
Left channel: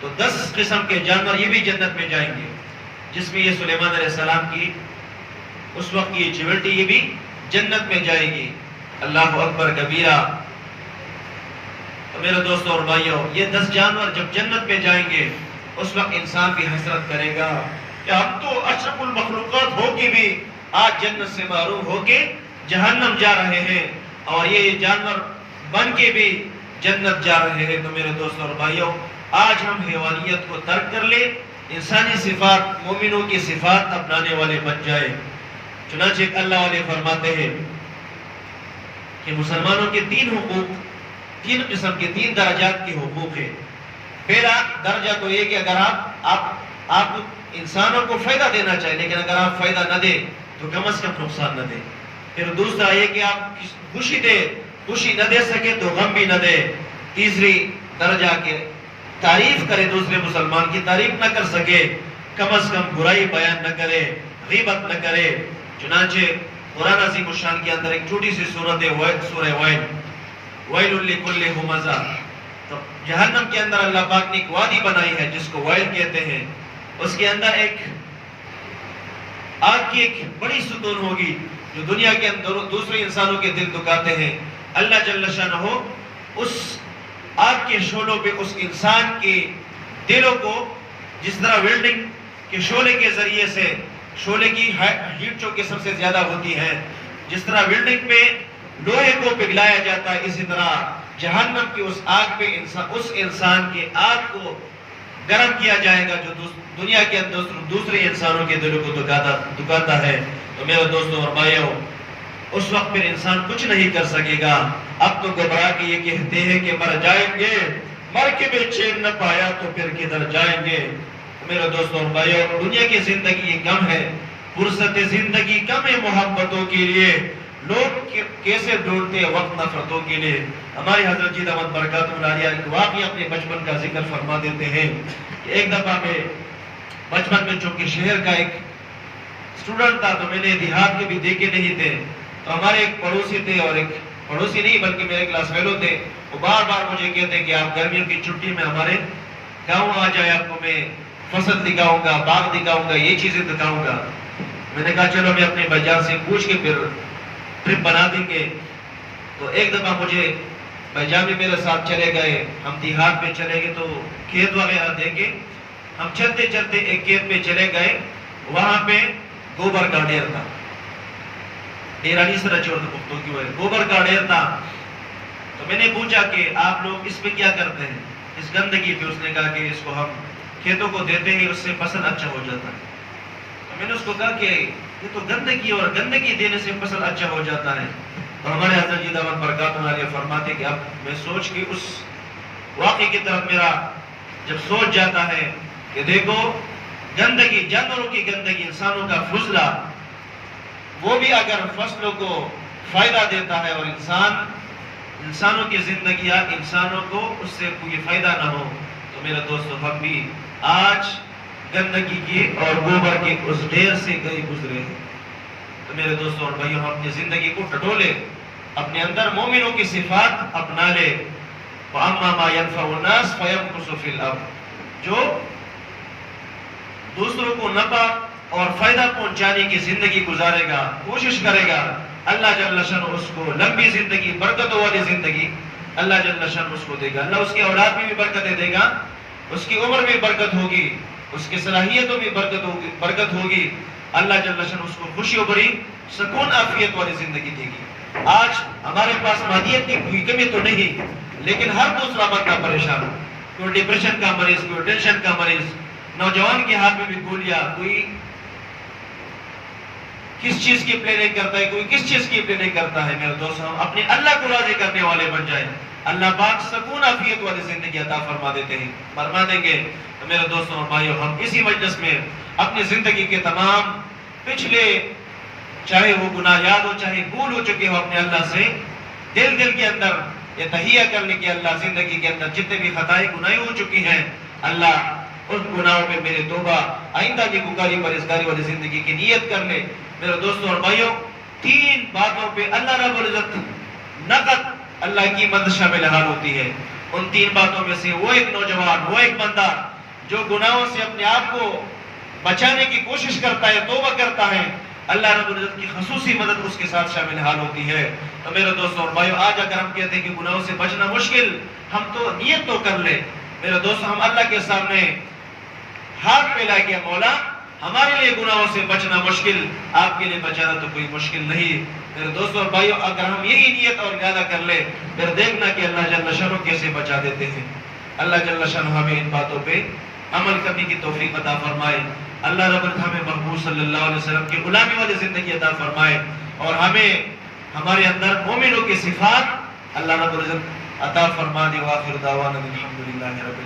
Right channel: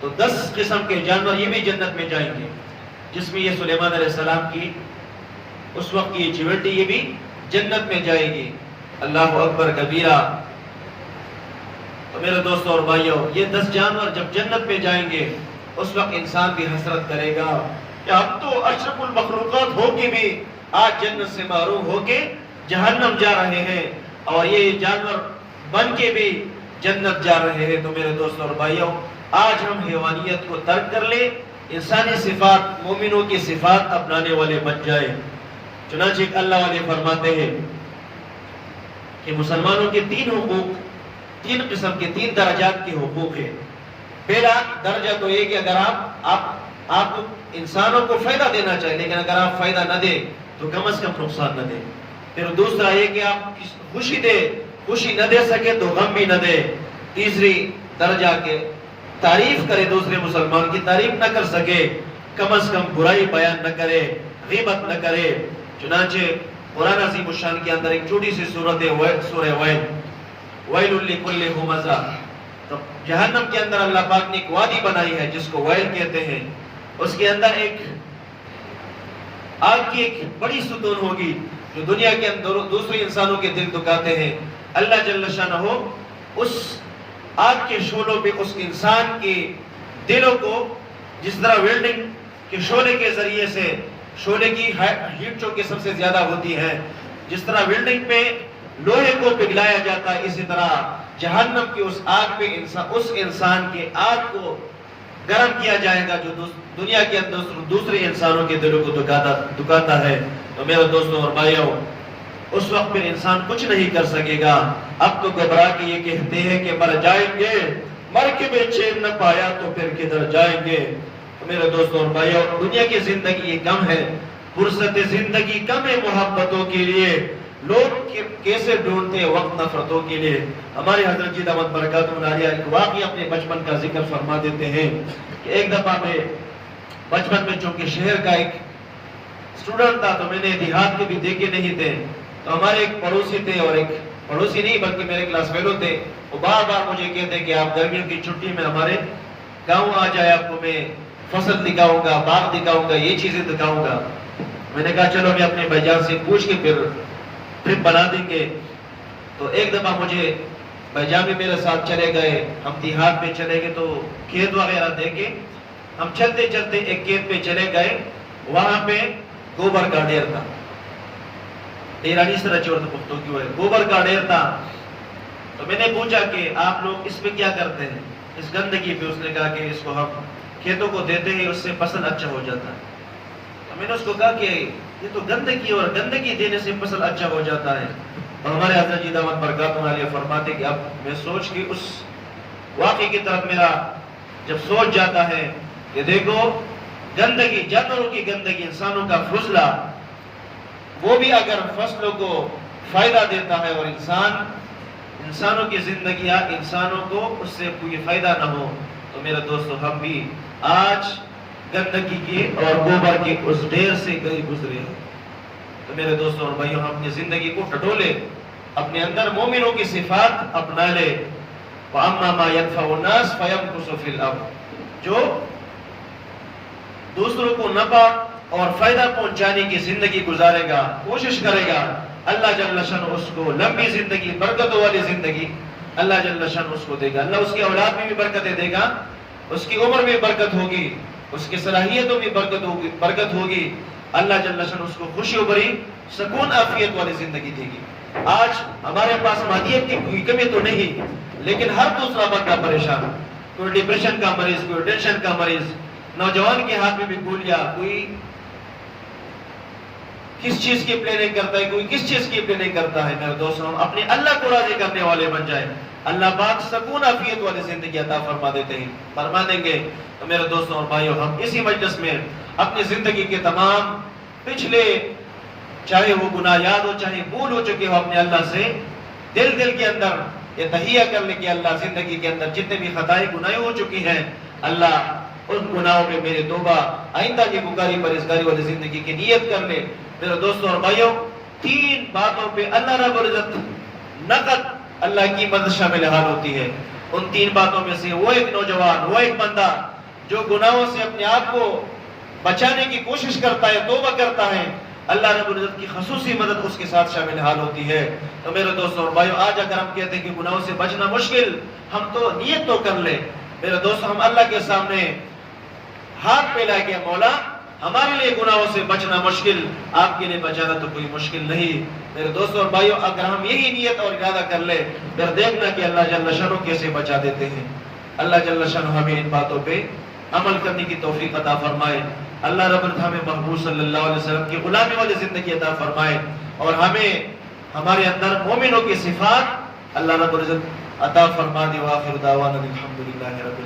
تو 10 قسم کے جانور یہ بھی جنت میں جائیں گے، جس میں یہ سلیمان علیہ السلام کی اس وقت کی چیونٹی یہ بھی جنت میں جائے گی۔ اللہ اکبر کبیرہ۔ تو میرے دوستوں اور بھائیوں، یہ 10 جانور جب جنت میں جائیں گے اس وقت انسان بھی حسرت کرے گا کہ اب تو اشرف المخلوقات ہو کے بھی آج جنت سے محروم ہو کے جہنم جا رہے ہیں، اور یہ جانور بن کے بھی جنت جا رہے ہیں۔ تو میرے دوستوں اور بھائیوں، آج ہم حیوانیت کو ترک کر لیں، انسانی صفات، مومنوں کی صفات اپنانے والے بن جائے۔ چنانچہ اللہ والے فرماتے ہیں کہ مسلمانوں کے 3 حقوق، 3 قسم کے 3 درجات کے حقوق ہیں۔ پہلا درجہ تو یہ کہ اگر آپ انسانوں کو فائدہ دینا چاہیں، لیکن اگر آپ فائدہ نہ دیں تو کم از کم نقصان نہ دیں۔ پھر دوسرا یہ کہ آپ خوشی نہ دے سکے تو غم بھی نہ دے۔ تیسری درجہ کے تعریف کرے، دوسرے مسلمان کی تعریف نہ کر سکے، کم از کم برائی بیان نہ کرے، غیبت نہ کرے۔ چنانچہ قرآن عظیم الشان کے اندر ایک چھوٹی سی سورت ہے، سورہ وائل، ویل لکل ہمزہ۔ تو جہنم کے اندر اللہ پاک نے ایک وادی بنائی ہے جس کو وائل کہتے ہیں، اس کے اندر ایک آگ کی ایک بڑی ستون ہوگی جو دنیا کے اندر دوسرے انسانوں کے دل دکھاتے ہیں۔ اللہ جل شانہ اس آگ کے شعلوں پہ اس انسان کے دلوں کو جس طرح ویلڈنگ کے شعلے کے ذریعے سے، شعلے کی ہیٹ جو کہ سب سے زیادہ ہوتی ہے، جس طرح ویلڈنگ پہ لوہے کو پگھلایا جاتا ہے، اسی طرح جہنم کی اس آگ پہ اس انسان کے آگ کو گرم کیا جائے گا جو دنیا کے اندر دوسرے انسانوں کے دلوں کو دکھاتا ہے۔ تو میرے دوستوں اور بھائیوں، اس وقت پھر انسان کچھ نہیں کر سکے گا۔ اب تو گھبرا کے یہ کہتے ہیں کہ مر جائیں گے، مر کے بھی چین نہ پایا تو پھر کدھر جائیں گے۔ تو میرے دوستوں اور بھائیوں، دنیا کی زندگی یہ کم ہے، فرصت زندگی کم ہے محبتوں کے لیے، لوگ کیسے ڈھونڈتے ہیں وقت نفرتوں کے لیے۔ ہمارے حضرت جی دامت برکاتہ العالیہ ایک واقعہ اپنے بچپن کا ذکر فرما دیتے ہیں کہ ایک دفعہ میں بچپن میں چونکہ شہر کا ایک اسٹوڈنٹ تھا تو میں نے دیہات کے بھی دیکھے نہیں تھے، تو ہمارے ایک پڑوسی تھے، اور ایک پڑوسی نہیں بلکہ میرے کلاس فیلو تھے، وہ بار بار مجھے کہتے کہ آپ گرمیوں کی چھٹی میں ہمارے گاؤں آ جائے، آپ کو میں فصل دکھاؤں گا، باغ دکھاؤں گا، یہ چیزیں دکھاؤں گا۔ میں نے کہا چلو میں اپنے بھائی جان سے پوچھ کے پھر ٹرپ بنا دیں گے۔ تو ایک دفعہ مجھے بھائی جان بھی میرے ساتھ چلے گئے، ہم دیہات میں چلے گئے تو کھیت وغیرہ دیکھے، ہم چلتے چلتے ایک کھیت پہ چلے گئے، وہاں پہ گوبر کا ڈھیر تھا، ڈیرانی سے رچور پختوں کی وجہ گوبر کا ڈھیر تھا۔ تو میں نے پوچھا کہ آپ لوگ اس پہ کیا کرتے ہیں، اس گندگی پہ؟ اس نے کہا کہ اس کو ہم کھیتوں کو دیتے ہیں، اس سے فصل اچھا ہو جاتا ہے۔ تو میں نے اس کو کہا کہ یہ تو گندگی، اور گندگی دینے سے فصل اچھا ہو جاتا ہے۔ اور ہمارے حضرت جی دامت برکاتہ عالیہ فرماتے کہ اب میں سوچ کے اس واقعے کی طرف میرا جب سوچ جاتا ہے کہ دیکھو گندگی، جانوروں کی گندگی، انسانوں کا فضلہ، وہ بھی اگر فصلوں کو فائدہ دیتا ہے اور انسانوں کی زندگیاں، انسانوں کو اس سے کوئی فائدہ نہ ہو، تو میرے دوستو ہم بھی آج گندگی کی اور گوبر کے اس ڈھیر سے گئے گزرے ہیں۔ تو میرے دوستوں اور بھائیوں، ہم اپنی زندگی کو ٹٹولے، اپنے اندر مومنوں کی صفات اپنا لے۔ وَأَمَّا مَا يَنْفَعُ النَّاسَ فَيَمْكُثُ فِي الْأَرْضِ، جو دوسروں کو نفع اور فائدہ پہنچانے کی زندگی گزارے گا، کوشش کرے گا، اللہ جل شانہ اس کو لمبی زندگی، برکتوں والی زندگی اللہ جل شانہ اس کو دے گا۔ اللہ اس کی اولاد میں بھی برکتیں دے گا، اس کی عمر میں برکت ہوگی، اس کی صلاحیتوں میں برکت ہوگی۔ اللہ جل شانہ اس کو خوشی و بری، سکون عافیت والی زندگی دے گی۔ آج ہمارے پاس مادیت کی کوئی کمی تو نہیں، لیکن ہر دوسرا بندہ پریشان، کوئی ڈپریشن کا مریض، کوئی ٹینشن کا مریض، نوجوان کے ہاتھ میں بھی گولیاں، کوئی کس چیز کی پلاننگ کرتا ہے، کوئی کس چیز کی پلاننگ کرتا ہے۔ میرے دوستوں، ہم اپنے اللہ کو راضی کرنے والے بن جائیں، اللہ پاک سکون عافیت والی زندگی عطا فرما دیتے ہیں، فرما دیں گے۔ تو میرے دوستوں اور بھائیوں، ہم اسی مجلس میں اپنی زندگی کے تمام پچھلے، چاہے وہ گناہ یاد ہو، چاہے بھول ہو چکے ہو، اپنے اللہ سے دل کے اندر یہ تہیہ کرنے کی، اللہ زندگی کے اندر جتنے بھی خطائیں گناہیں ہو چکی ہیں، اللہ ان گناہوں پہ میرے توبہ، آئندہ کی گناہگاری پرہیزگاری والی زندگی کی نیت کر لے۔ میرے دوستوں اور بھائیوں، تین باتوں پہ اللہ رب العزت نقد اللہ کی مدد شامل حال ہوتی ہے۔ ان تین باتوں میں سے وہ ایک نوجوان، وہ ایک بندہ جو گناہوں سے اپنے آپ کو بچانے کی کوشش کرتا ہے، توبہ کرتا ہے، اللہ رب العزت کی خصوصی مدد اس کے ساتھ شامل حال ہوتی ہے۔ تو میرے دوستوں اور بھائیوں، آج اگر ہم کہتے ہیں کہ گناہوں سے بچنا مشکل، ہم تو نیت تو کر لیں۔ میرے دوستوں، ہم اللہ کے سامنے ہاتھ پھیلا کے، مولا ہمارے لیے گناہوں سے بچنا مشکل، آپ کے لیے بچانا تو کوئی مشکل نہیں۔ میرے دوستوں اور بھائیوں، اگر ہم یہی نیت اور ارادہ کر لیں، پھر دیکھنا کہ اللہ جل شانہ کیسے بچا دیتے ہیں۔ اللہ جل شانہ ہمیں ان باتوں پہ عمل کرنے کی توفیق عطا فرمائے۔ اللہ رب العزت ہمیں محبوب صلی اللہ علیہ وسلم کی غلامی والی زندگی عطا فرمائے، اور ہمیں ہمارے اندر مومنوں کی صفات اللہ رب العزت عطا فرما دے۔ وآخر دعوانا الحمدللہ رب العالمین۔